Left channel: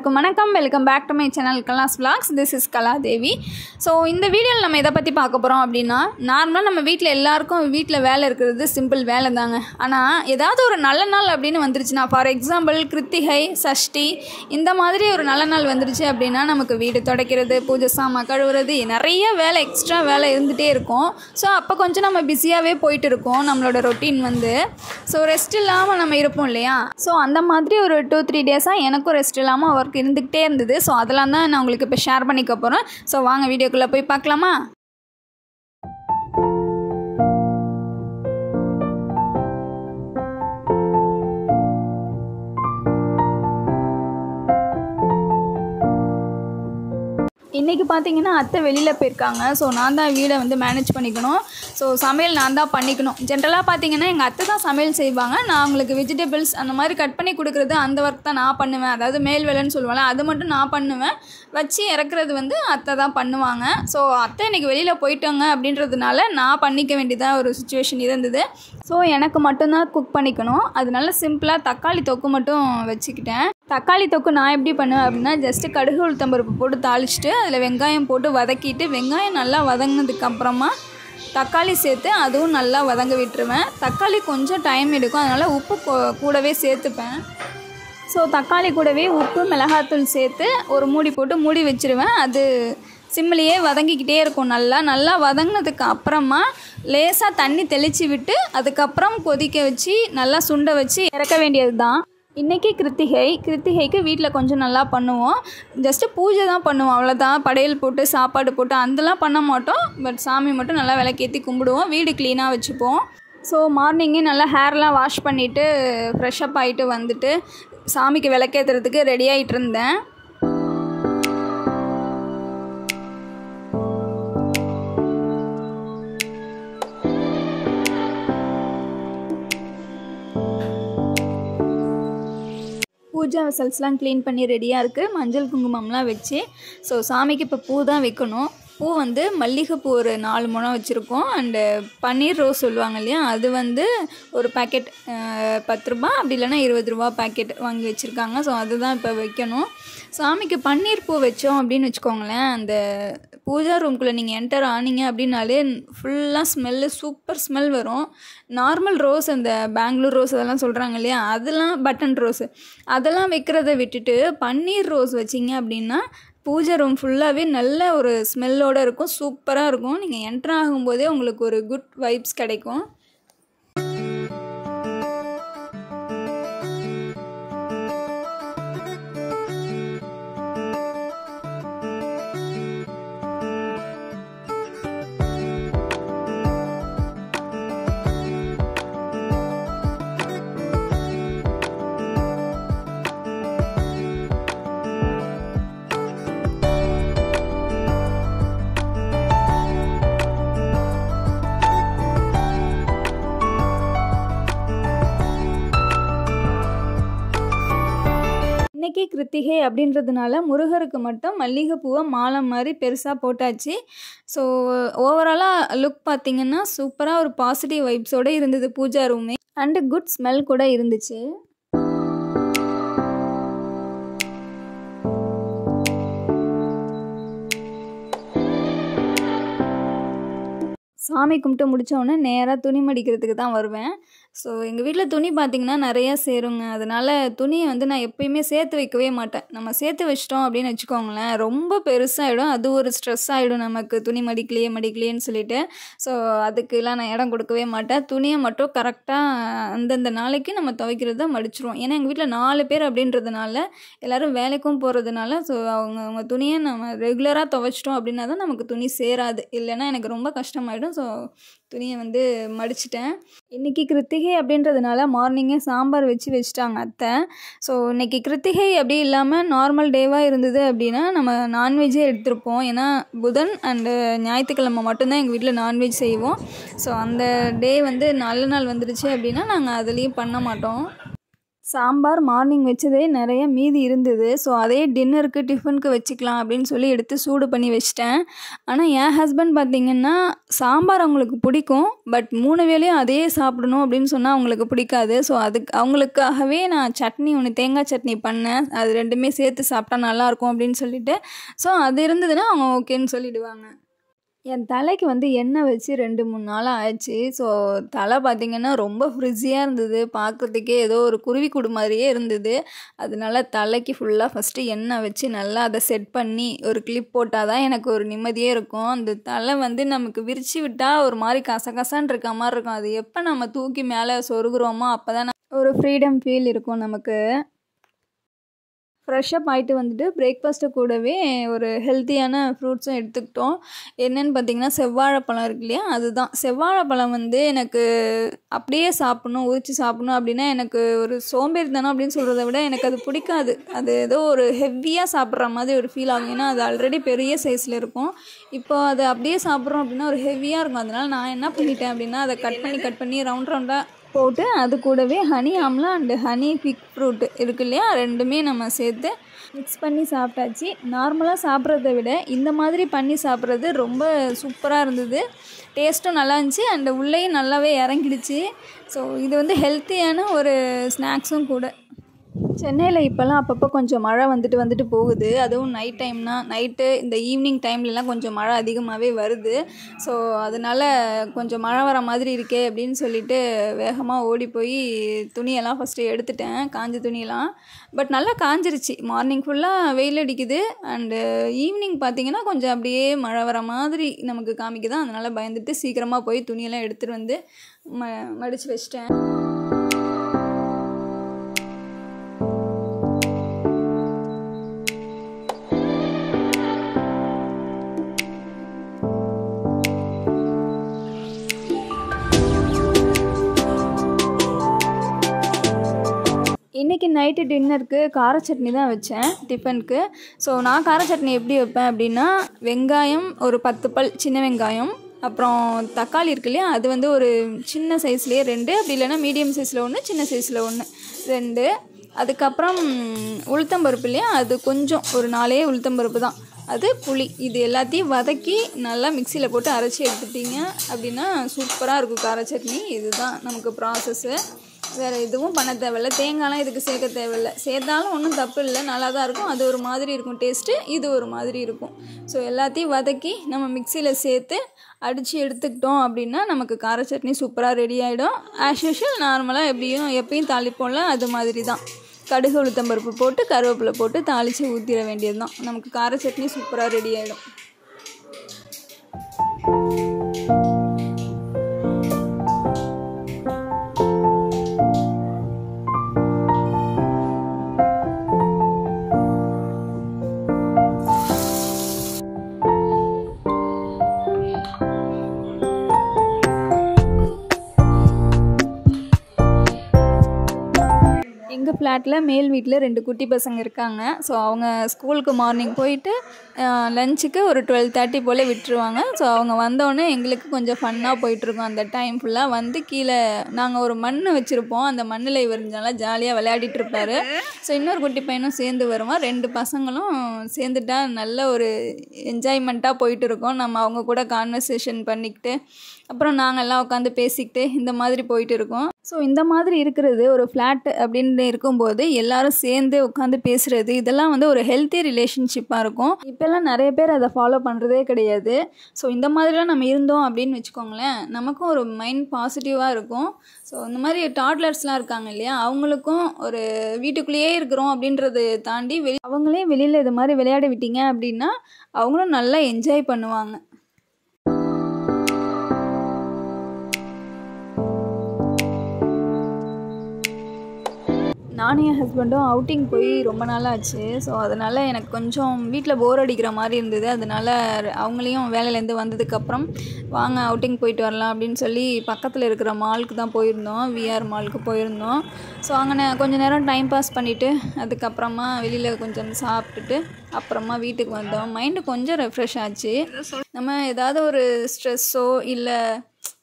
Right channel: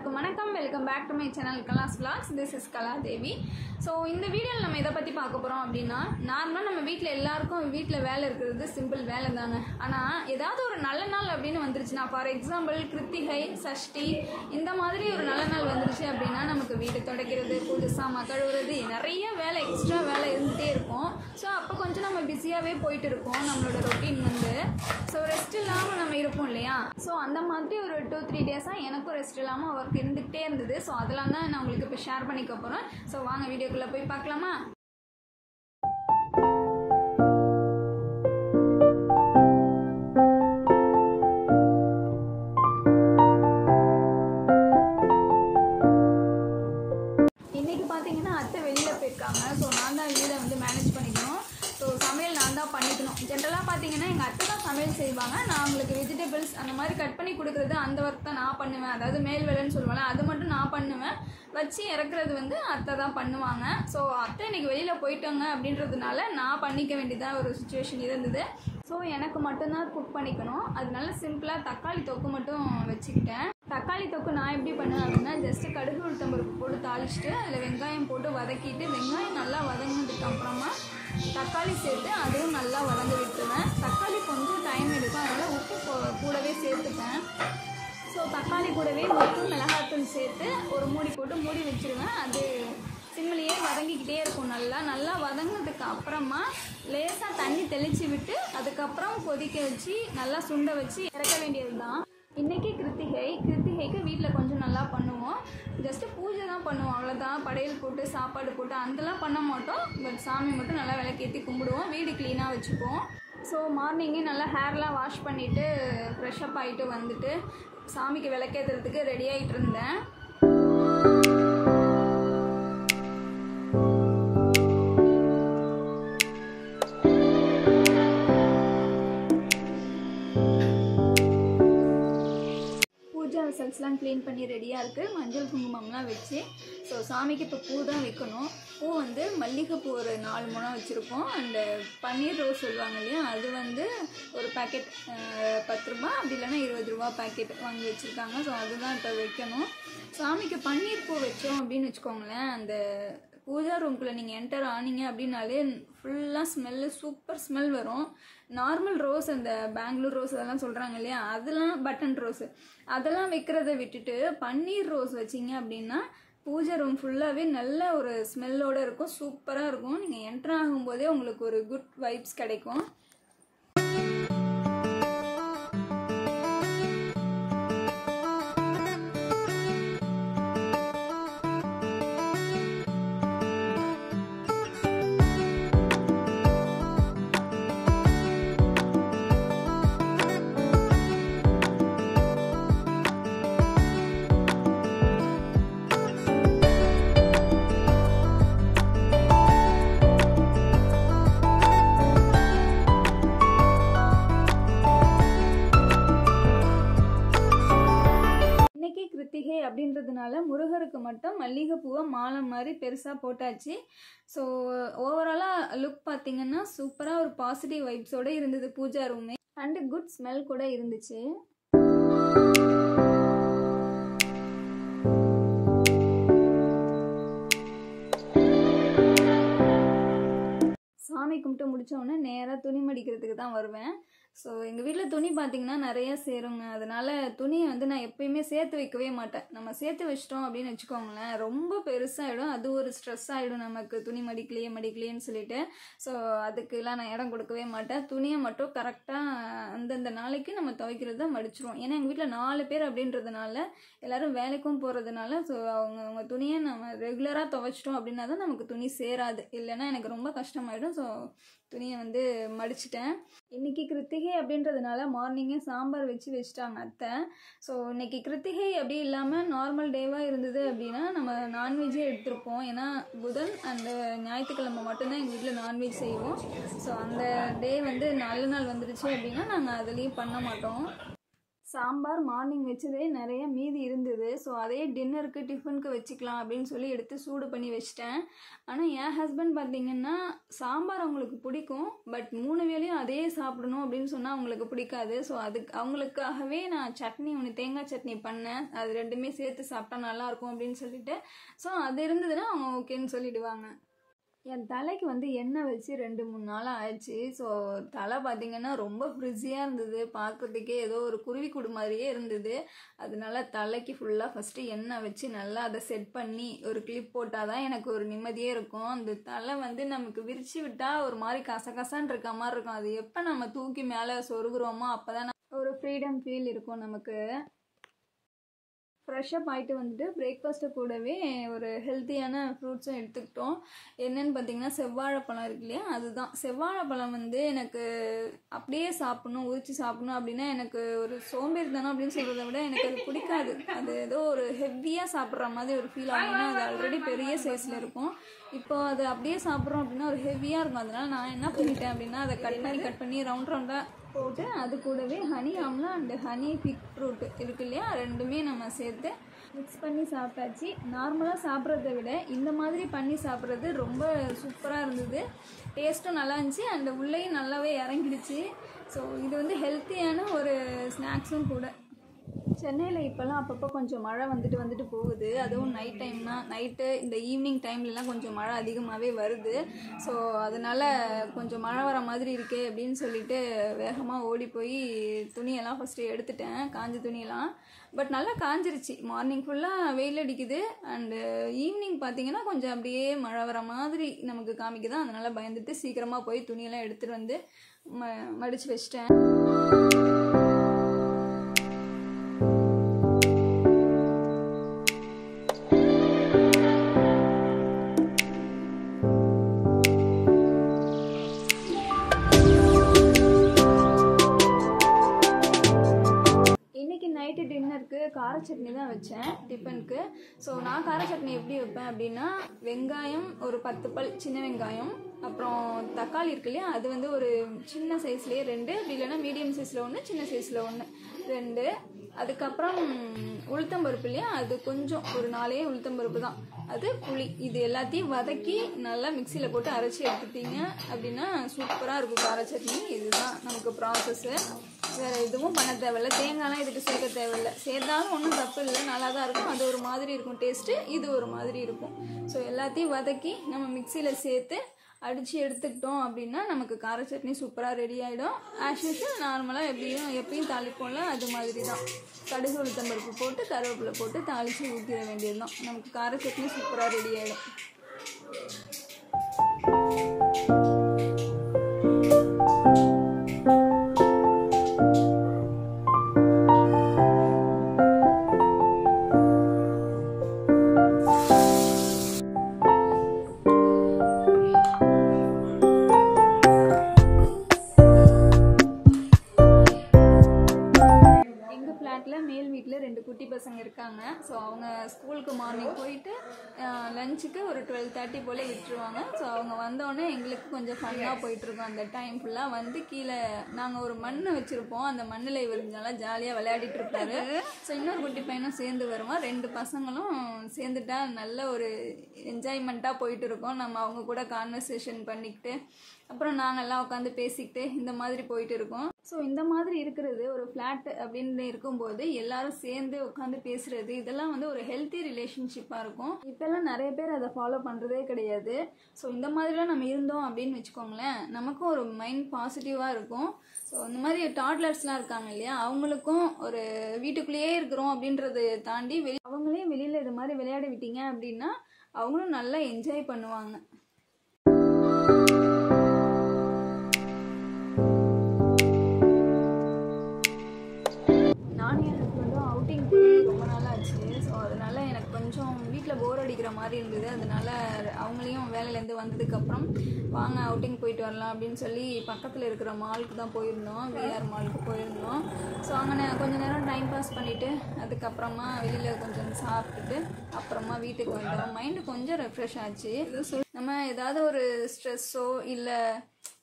எல்லாருக்கும் வணக்கம். Welcome back to my channel Kala's vlogs. This is Kaladevi. So இந்த வீடியோவில் நம்ம எதை பற்றி பார்க்க போகிறோம் அப்படின்னா, நார்மலாக நம்ம வீட்டில் எல்லாருக்கும் வீட்டில் வேலை இருக்கிறது சிம்பிள் வேலை தாங்க. ஆனால் ஏதாவது ஒரு நல்ல நாள் அப்படின்னு வந்துருச்சுன்னா, ஃபார் எக்ஸாம்பிள் கிருத்திகை, சஷ்டி இந்த மாதிரி ஒரு நல்ல நாள் வந்துருச்சு அப்படின்னா நமக்கு வீடு துடைக்கிறது, பூஜை சாமான் கழுவுறது, நிறைய வேலை எக்ஸ்ட்ரா வேலை இருந்துகிட்டே இருக்கும். ஸோ அப்போ கொஞ்சம் நம்ம பிஸியாகவே போயிட்டு இருக்கோம். நம்மளோட ரொட்டீன் வந்து ஸோ ரெஸ்ட் இல்லாமல் நம்ம இருப்போம் இல்லையா. ஸோ அந்த மாதிரி ஒரு 2-3 டேஸாக எனக்கும் ரெஸ்ட் இல்லாமல் ஒர்க் இருந்துக்கிட்டே இருந்தது. ஸோ அதெல்லாம் தான் நான் உங்களுக்கு இப்போ ஷேர் பண்ணிக்க போகிறேன். ஸோ வாங்க வீடியோக்குள்ளே போய் பார்க்கலாமா. இன்றைக்கி பார்த்தீங்கன்னா அத்தை வெளியில் போயிருக்காங்க. ஸோ நான் தான் வீடை வந்து மேனேஜ் பண்ணிக்கணும். ஸோ சமையல் நான் தான் பண்ணிக்கணும். ஜென்ரலாக பார்த்தீங்கன்னா எங்கள் அத்தை தான் சமையல் செய்வாங்க. நான் அவங்களுக்கு வெஜிடபிள்ஸ் அந்த மாதிரி கட் பண்ணி கொடுக்குறது அந்த ஒர்க் தான் நான் பண்ணுவேன். அதாவது மேல் வேலைன்னு சொல்லுவாங்க, அது மட்டும் நான் பண்ணுவேன். வச்சு இறக்குறது வந்து அத்தை தான் பண்ணுவாங்க. ஸோ அத்தை இன்றைக்கி வெளியில் போயிட்டாங்க அப்படின்றதுனால நான் பண்ணிக்க வேண்டியதாக ஒரு சுச்சுவேஷன் இருந்தது. ஸோ எனக்கு மட்டும்தான் குக் பண்ணிக்கணும். அதனால சிம்பிளாக தக்காளி தொக்கு மட்டும் வச்சுக்கிட்டேன். தக்காளி தொக்கு நான் எப்படி பண்ணுவேன் அப்படின்னா, ஜஸ்ட்டு கடுகு உளுத்தம்பருப்பு போட்டு தாளிச்சிட்டு அதில் வெங்காயம் போட்டு வதக்கிட்டு, வெங்காயம் நல்லா வதங்கினதுக்கப்புறமா தக்காளி சேர்த்து அதுவும் நல்லா வதங்க விட்டுருவேன். தக்காளி கொஞ்சம் டைம் எடுக்கும், அதனால் உப்பு கூடவே சேர்த்துப்பேன். ஸோ தக்காளி கூடவே உப்பு, மிளகாத்தூள் சேர்த்து ஒரு மூடி போட்டு மூடி வச்சுருவேன். அது சிம்மிலேயே வதங்கிக்கிட்டே இருக்கும். நல்லா வதங்கினதுக்கு அப்புறமா லேசாக தண்ணி தெளித்து விட்டு அதுக்கப்புறம் கொதிக்க வச்சு நல்லா சுண்ட வச்சு இறக்க வேண்டியது தான். இன்றைக்கி கிருத்திகைக்கு வீட்டில் கொஞ்சம் நல்லா பண்ணுவோம். ஜஸ்ட்டு பூஜை தான் பண்ணுவோம், அவ்வளோதான். படையல் போட்டு சாப்பாடு போட்டு அதெல்லாம் பண்ண மாட்டோம். பட் சாமி மட்டும் நல்லா விளக்கேற்றி கும்பிடுவோம், வீடு க்ளீனாக வச்சுப்போம். ஸோ மார்னிங்கே நல்லா ஹேர்லாம் வாஷ் பண்ணிவிட்டு ஃப்ரெஷ்அப் ஆகிட்டு வந்துட்டு சாமிக்கு விளக்கேற்றுறதுக்கு ரெடி ஆகிட்டு இருந்தேன். பூஜா வெசல்ஸ்லாம் க்ளீன் பண்ணி ரெடியாக இருக்குது. மஞ்சள் குங்குமம்லாம் வச்சு ஸோ சாமிக்கு இப்போ பூ தான் வைக்கணும். பூ வந்து மல்லிகைப்பூ ஒரு 4 முழம் வச்சுருக்கோம். அண்டு பன்னீர் ரோஸ் சொல்லுவாங்க இல்லையா, அது வந்து ஒரு பேக்கெட் 10 ரூபா, அப்படி இல்லைனா 20 ரூபா பேக்கெட் வாங்கி வச்சுருக்காங்க. ஸோ அதுதான் இப்போ வைக்கணும். சாமிக்கு பன்னீர் பூ வச்சோம் அப்படின்னு வச்சுக்கோங்களேன், அந்த பூஜா ரூம்குள்ளே நீங்கள் என்டர் ஆனீங்க அப்படின்னாலே ஃபுல்லாக ஸ்மெல்லு, சூப்பர் ஸ்மெல் வரும். நார்மல் ரோஸ், அந்த பெங்களூர் ரோஸ் அதெல்லாம் சொல்கிறாங்க இல்லையா, அதெல்லாம் பட்டன் ரோஸு அதெல்லாம் வைக்கிறத விட்டுட்டு பன்னீர் ரோஸ் வச்சிங்க அப்படின்னா பூஜை ரூம் ஃபுல்லாகவே நல்ல ஒரு ஸ்மெல்லோடு இருக்கும், சூப்பராக இருக்கும். நீங்கள் என்டர் ஆகும்போதே உங்களுக்கு ஒரு குட் வைப்ஸ் கிடைக்கும். இன்றைக்கி கிருத்திகை அப்படின்றதுனால முருகருக்கு மட்டும் மல்லிகைப்பூவை மாலை மாதிரி பெருசாக போட்டாச்சு. ஸோ ஓவராலாக லுக் பார்த்திங்கன்னா சூப்பராக ஒரு பாசிட்டிவ் வைப்ஸோடு இருந்தது பூஜா ரூமே. அண்டு குட் ஸ்மெல் கூட இருந்துச்சு. சாமி கும்பிட்டு முடித்தோடனே நேராக துணி மடிக்கிறதுக்கு தான் வருவேன். ஸோ எங்கள் வீட்டில் துணி பார்த்திங்கன்னா நிறையா சேருங்க. அதனால் துணியை வந்து நான் எப்போயுமே சேர்த்து வைக்கவே மாட்டேன். நம்ம சேர்த்து வச்சிட்டோம் அப்படின்னு வச்சுக்கோங்களேன், ரொம்ப பெருசாகிடும். அது ஒரு ஸ்ட்ரெஸ் ஆகிடும் நமக்கு, துணி மடிக்கலையேன்னு சொல்லிட்டு. ஸோ அதுக்கெலாம் நான் இடம் கொடுக்கவே மாட்டேன். துணியை மட்டும் கரெக்டாக அந்தந்த நாளைக்கு நம்ம துவைக்கிறத மடிச்சிருவோம். ஏன்னா எங்கள் வீட்டில் 4 பேர் அப்படின்றதுனால, எல்லோரும் வேலைக்கும் போகிறதுனால, ஸோ அவங்க துணியை நம்ம ரெகுலராக துவைச்சிட்டோம் அப்படின்னா தான் நமக்கு துணி சேராது. இல்லைன்னா எனக்கு ரொம்ப கஷ்டமாயிடும். ஸோ துணியை வந்து மடிச்சிட்டேன். இன்றைக்கி கிருத்திகை அப்படின்றதுனால மார்னிங்கே சாம்பார் வச்சுட்டாங்க அத்தை. ஸோ இன்றைக்கி கிருத்திகை அப்படி இல்லாமல் நார்மல் டேவாக இருந்தது அப்படின்னா நம்ம நான்வெஜ்ஜே எடுத்திருப்போம். ஏன்னா புதன் அண்டு ஞாயிற்றுக்கிழமை மட்டும்தான் எங்கள் வீட்டில் நான்வெஜ் செய்வோம். ஸோ அந்த டே வந்து நல்ல நாள் வந்துடுச்சு அப்படின்னா நாங்கள் அதுலேயும் பண்ண மாட்டோம். சாம்பார் மார்னிங் வச்சதே நிறைய மீதி இருந்தது. ஸோ அதே டின்னருக்கு டிஃபனுக்கு வச்சுக்கலாம் அப்படின்னு சொல்லி எடுத்து சூடு பண்ணி வச்சிட்டேன். ஆனால் என் ஹஸ்பண்ட் பார்த்திங்கன்னா சாம்பார் அவங்களுக்கு பிடிக்கும். பட் 3 வேளையும் அதே சாப்பிடணும் அப்படின்னு சொன்னால் அவங்களுக்கு பிடிக்காது. ஸோ அவங்களுக்காகவே நான் சட்னி ஒன்று தேங்காய் சட்னி பண்ணேன். அது 2மே சேர்த்து சாப்பிட்டா நல்லாயிருக்கும் அப்படின்னு சொல்லிட்டு. ஸோ அது இருந்ததுன்னா அவங்க ஓகேன்னு சொல்லிடுவாங்க. என் தலைக்கு வந்து எண்ணெய் வச்சு 2-3 நாளாக ஆச்சு. ஸோ தலை பார்த்திங்கன்னா ரொம்ப ஃப்ரிஸியாக இருந்தது. பார்க்குறதுக்கே ஏதோ ஒரு குருவிக்கூடு மாதிரியே இருந்தது. அதனால தலைக்கு ஃபுல்லாக ஃபஸ்ட்டு எண்ணெய் வச்சு நல்லா அதை செட் பண்ணி ஒரு கிளிப் போட்டால் தான் எனக்கு ஒரு நிம்மதியே இருக்கும். அந்த தலை வந்து நமக்கு விரித்து விட்டால் ஒரு மாதிரி கசகசான்னு இருக்க மாதிரி இருக்கும். அது எப்போ நம்ம தூக்கி மேலே சொருகுறோமோ அப்போ தான் ஒரு ஃப்ரீடம் ஃபீல் இருக்கும் நமக்கு. ஃப்ரெஷ்ஷப் ஆகிட்டு வந்துட்டு பிரேக்ஃபாஸ்ட்டு கூடவே ஒரு ஹெல்த்தியான ஃப்ரூட்ஸும் எடுத்துக்கிட்டோம். என்னென்னு பார்த்திங்கன்னா செவ்வாழைப்பழம் இருக்கு இல்லையா, அதுதான். செவ்வாழைப்பழம் வந்து எனக்கு அப்படியே சாப்பிட்ணும், உரித்து சாப்பிட்ணும் அப்படின்னா எனக்கு ஒரு சோம்பேறித்தனம் அப்படின்னு சொல்கிறத விட எனக்கு அது பிடிக்காது. அது ஏதோ ஒரு ஹெவியாக சாப்பிட்ற மாதிரி ஒரு ஃபீல் ஆகும். ஏன்னா அது ஆல்ரெடி பெரிய சைஸில் இருக்கும். இப்போ அதை அப்படியே சாப்பிட்றோம் அப்படின்னா ஒரு ஹெவியாக இருக்கும். அதனால் நான் என்ன பண்ணிட்டேன் அப்படின்னா அதை கட் பண்ணி ரவுண்டாக போட்டு அது கூடவே honey amla and honey fig fruit இருக்கு இல்லையா, 2மே நம்ம சேர்த்து மிக்ஸ் பண்ணி சாப்பிட்டாச்சு. நார்மலாக சாப்பிட்றத விட இந்த மாதிரி பண்ணி சாப்பிட்றது ரொம்ப சூப்பராக இருந்தது. டேஸ்ட்டும் நல்லா இருந்துச்சு அண்டு உள்ளேயும் நல்லாவே இறங்கிடுச்சு. ஸோ இது வந்து ஹெல்த்தியான ஒரு ஸ்நாக்ஸும் கூட. சென்னையில் இப்போல்லாம் அப்பப்போ கொஞ்சம் மழை வந்துட்டு போகுது. அதுவும் நைட்டு இந்த ஈவினிங் டைம்லலாம் கொஞ்சம் மழை அதிகமாகவே வருது. ஸோ அதனால் கொஞ்சம் மழை வர மாதிரி இருக்கே அப்படின்னு சொல்லிட்டு வேகமாக ஓடி போய் துணியெல்லாம் ஃபஸ்ட்டு எடுத்துட்டேன், காஞ்ச துணியெல்லாம். பட் நல்லா காஞ்சிருச்சு. மார்னிங் ஃபுல்லாக வெயில் அடிக்குது அண்டு ஈவினிங் பார்த்திங்கன்னா கொஞ்சம் அப்படியே மழை வர மாதிரி நமக்கு காமிக்குது. அதனால் பயந்துட்டு சீக்கிரமாக போய் துணியெல்லாம் எடுத்துகிட்டு வந்து மடித்து வச்சிட்டேன். இன்றைக்கி நைட்டு டின்னருக்கு கார சட்னி தான் வச்சேன் டிஃபனுக்கு. ஸோ நான் கார சட்னி எப்படி வைப்பேன் அப்படின்னா, வெங்காயம் ஒரு 10 பல் சின்ன வெங்காயம், அப்புறம் தக்காளி இருக்கு இல்லையா, அது வந்து ஒரு சின்ன சைஸ்லேயே 2, அப்படி இல்லைன்னா மீடியம் சைஸில் 1, சின்ன சைஸில் 1, 2. அதுக்கப்புறம் உளுத்தம்பருப்பு இல்லையா, அது கொஞ்சம் ஒரு 4 உளுத்தம்பருப்பு தான். அது புளி, இது எல்லாத்தையும் வதக்கி நல்லா மிக்சியில் போட்டு அரைச்சி எடுத்துட்டிங்க அப்படின்னா சூப்பராக இருக்கும் கார சட்னி. இதுதான் நமக்கு ப்ராசஸ்ஸு. வேறு எதுவும் பண்ண தேவையில்ல. தேங்காய்லாம் இதுக்கு சேர்க்க தேவையில்லை. சேர்த்தாலும் ஒன்றும் தப்பு இல்லை, நல்லா தான் இருக்கும். அது ஒரு மாதிரி இருக்கும் டேஸ்ட்டு, இது ஒரு மாதிரி இருக்கும். ஸோ எல்லாத்தையும் வதக்கி நம்ம மிக்சியில் சேர்த்து அடித்து எடுத்துக்கிட்டோம் அப்படின்னா நமக்கு கார சட்னி சூப்பராக ரெடி ஆகிடும். ஆஸ் யூஷுவல் நார்மலாக எப்பயும் தாளிப்போம்ல, அது மாதிரி தான். கடுகு உளுத்தம்பருப்பு போட்டு கருவேப்பிலை போட்டு தாளித்து ஊற்றிட வேண்டியது தான். நமக்கு கார சட்னி சூப்பராக ரெடி ஆகிடும். எங்கள் ஃப்ளாட்டில் மேல் வீட்டில் 2 குட்டி பசங்க இருக்காங்க. ஸோ அவங்க ஸ்கூலுக்கு மார்னிங் போயிட்டு லஞ்சுக்கு ஒரு 12:30 போல் விட்டுருவாங்க. ஸோ அவங்க வந்தோடனே எங்களுக்கு கொஞ்சம் ஃபன்னாக போயிட்டுருக்கோம். அந்த டைம் ஃபுல்லாக வந்து கீழே நாங்கள் ஒரு மண் வச்சுருப்போம். அந்த மண்ணில் இவர் நல்லா ஜாலியாக விளையாடிட்டு இருப்பார். ஸோ இன்னொரு குட்டி பையனும் சேர்ந்து வருவான். 2 பசங்களும் சேர்ந்துட்டா நல்ல ஒரு என்ஜாய்மெண்ட்டாக போயிட்டு இருக்கோம். நம்ம அவங்க கூட கான்வர்சேஷன் பண்ணிக்கிட்டு அப்புறம் நாங்கள் எல்லாம் உட்காந்து பேசிக்கிட்டு இந்த மாதிரி போயிட்டு இருக்கோம். ஸோ இந்த மாதிரி இருக்கிறது ஒரு ஃப்ளாட் அப்படின்னு இருக்கும்போது எல்லோரும் சேர்ந்து உட்காந்து பேசுகிறது, இதெல்லாம் வந்து ஒரு ஹெல்த்தி ரிலேஷன்ஷிப்பாக இருக்கும். இப்போல்லாம் நிறைய பேர் அதை ஃபாலோ பண்ணுறதே கிடையாது. ஸோ இந்த மாதிரிலாம் நம்ம இருந்தோம் அப்படின்னு வச்சுக்கோங்களேன், நமக்கும் ஒரு மைண்ட் பாசிட்டிவாக இருக்கும். ஸோ இந்த மாதிரி டாட்லர்ஸ்லாம் இருக்காங்க இல்லையா, அவங்களுக்கும் ஒரு வீட்டுக்குள்ளேயே இருக்கிறோம் அப்படின்றத தாண்டி அவங்களே வெளியில் இது மாதிரி விளையாட விட்டீங்க அப்படின்னா அவங்களும் நல்லா என்ஜாய் பண்ணுவாங்க. நானும் என் ஹஸ்பண்டும் அவுட்டிங் போய் ரொம்ப நாள் ஆச்சு. ஸோ அதனால் எனக்கு கொஞ்சம் வீட்டில் போர் அடிக்கிற மாதிரி இருந்தது. அதனால் அவங்களையும் வேலையிலேருந்து வந்ததுக்கப்புறம் வாங்க அவுட்டிங் போயிட்டு வரலாம் அப்படின்னு சொல்லி பக்கத்தில் இருக்கிற மாலுக்கு தான் போயிருந்தோம், விஆர் மாலுக்கு போயிருந்தோம். ஸோ அங்கே கொஞ்சம் நேரம் டைம் பாஸ் பண்ணிவிட்டு அதுக்கப்புறமா வெளியில் கொஞ்சம் சாப்பிட்டுட்டு அப்புறமா வீட்டுக்கு வந்தோம். மைண்டு கொஞ்சம் ரெஃப்ரெஷ் ஆச்சு. நம்ம ஏதாவது ஒரு ஸ்ட்ரெஸ்ஸோ இல்லை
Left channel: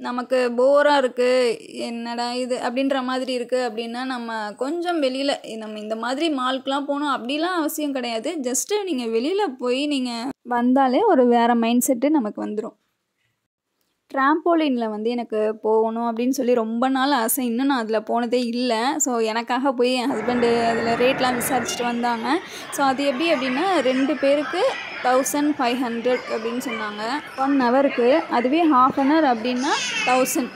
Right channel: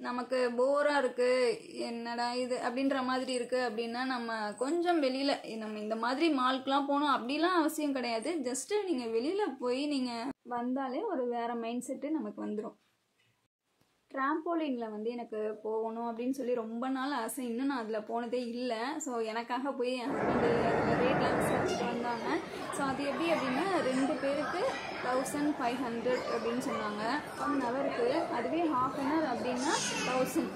நமக்கு போராக இருக்குது, என்னடா இது அப்படின்ற மாதிரி இருக்குது அப்படின்னா நம்ம கொஞ்சம் வெளியில் நம்ம இந்த மாதிரி மால்க்கெலாம் போகணும் அப்படிலாம் அவசியம் கிடையாது. ஜஸ்ட்டு நீங்கள் வெளியில் போய் நீங்கள் வந்தாலே ஒரு வேறு மைண்ட் செட்டு நமக்கு வந்துடும். ட்ராம்போலினில் வந்து எனக்கு போகணும் அப்படின்னு சொல்லி ரொம்ப நாள் ஆசை. இன்னும் நான் அதில் போனதே இல்லை. ஸோ எனக்காக போய் என் ஹஸ்பண்டு அதில் ரேட்லாம் விசாரிச்சுட்டு வந்தாங்க. ஸோ அது எப்படி அப்படின்னா 2 பேருக்கு 1500 அப்படின்னு சொன்னாங்க 1 ஹவருக்கு. அதுவே ½ அன் ஹவர் அப்படின்னா 1000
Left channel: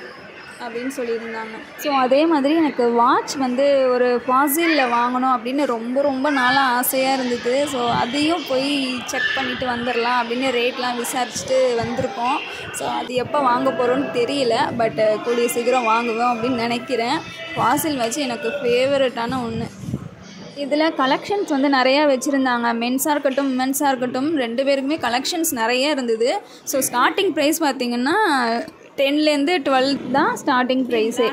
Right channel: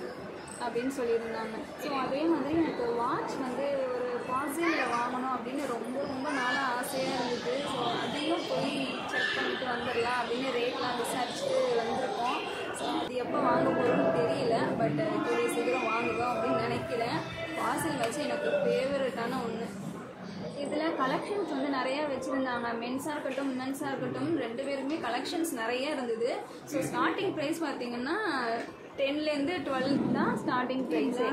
அப்படின்னு சொல்லியிருந்தாங்க. ஸோ அதே மாதிரி எனக்கு வாட்ச் வந்து ஒரு ஃபாசிலில் வாங்கணும் அப்படின்னு ரொம்ப ரொம்ப நாளாக ஆசையாக இருந்தது. ஸோ அதையும் போய் செக் பண்ணிவிட்டு வந்துடலாம் அப்படின்னு ரேட்லாம் விசாரிச்சுட்டு வந்திருக்கோம். ஸோ அது எப்போ வாங்க போகிறோன்னு தெரியல. பட் கூடிய சீக்கிரம் வாங்குவோம் அப்படின்னு நினைக்கிறேன். ஃபாசில் வச்சு எனக்கு ஃபேவரட்டான ஒன்று. இதில் கலெக்ஷன்ஸ் வந்து நிறையா வச்சுருந்தாங்க. மென்ஸாக இருக்கட்டும் விமென்ஸாக இருக்கட்டும் 2 பேருக்குமே கலெக்ஷன்ஸ் நிறைய இருந்தது. ஸோ ஸ்டார்டிங் ப்ரைஸ் பார்த்திங்கன்னா 10லேருந்து 12 தான் ஸ்டார்டிங் ப்ரைஸே.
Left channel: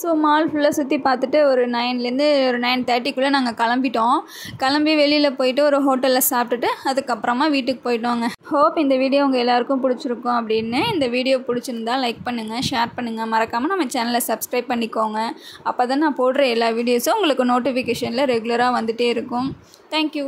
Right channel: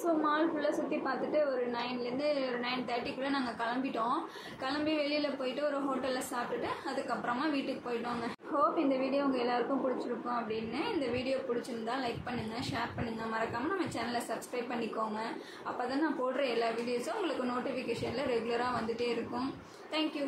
ஸோ மால் ஃபுல்லாக சுற்றி பார்த்துட்டு ஒரு 9லேருந்து ஒரு 9:30க்குள்ளே நாங்கள் கிளம்பிட்டோம். கிளம்பி வெளியில் போயிட்டு ஒரு ஹோட்டலில் சாப்பிட்டுட்டு அதுக்கப்புறமா வீட்டுக்கு போயிட்டோங்க. ஹோப் இந்த வீடியோ உங்கள் எல்லாேருக்கும் பிடிச்சிருக்கும் அப்படின்னு. இந்த வீடியோ பிடிச்சிருந்தா லைக் பண்ணுங்கள், ஷேர் பண்ணுங்கள், மறக்காமல் நம்ம சேனலை சப்ஸ்கிரைப் பண்ணிக்கோங்க. அப்போ தான் நான் போடுற எல்லா வீடியோஸும் உங்களுக்கு நோட்டிஃபிகேஷனில் ரெகுலராக வந்துகிட்டே இருக்கும். தேங்க்யூ.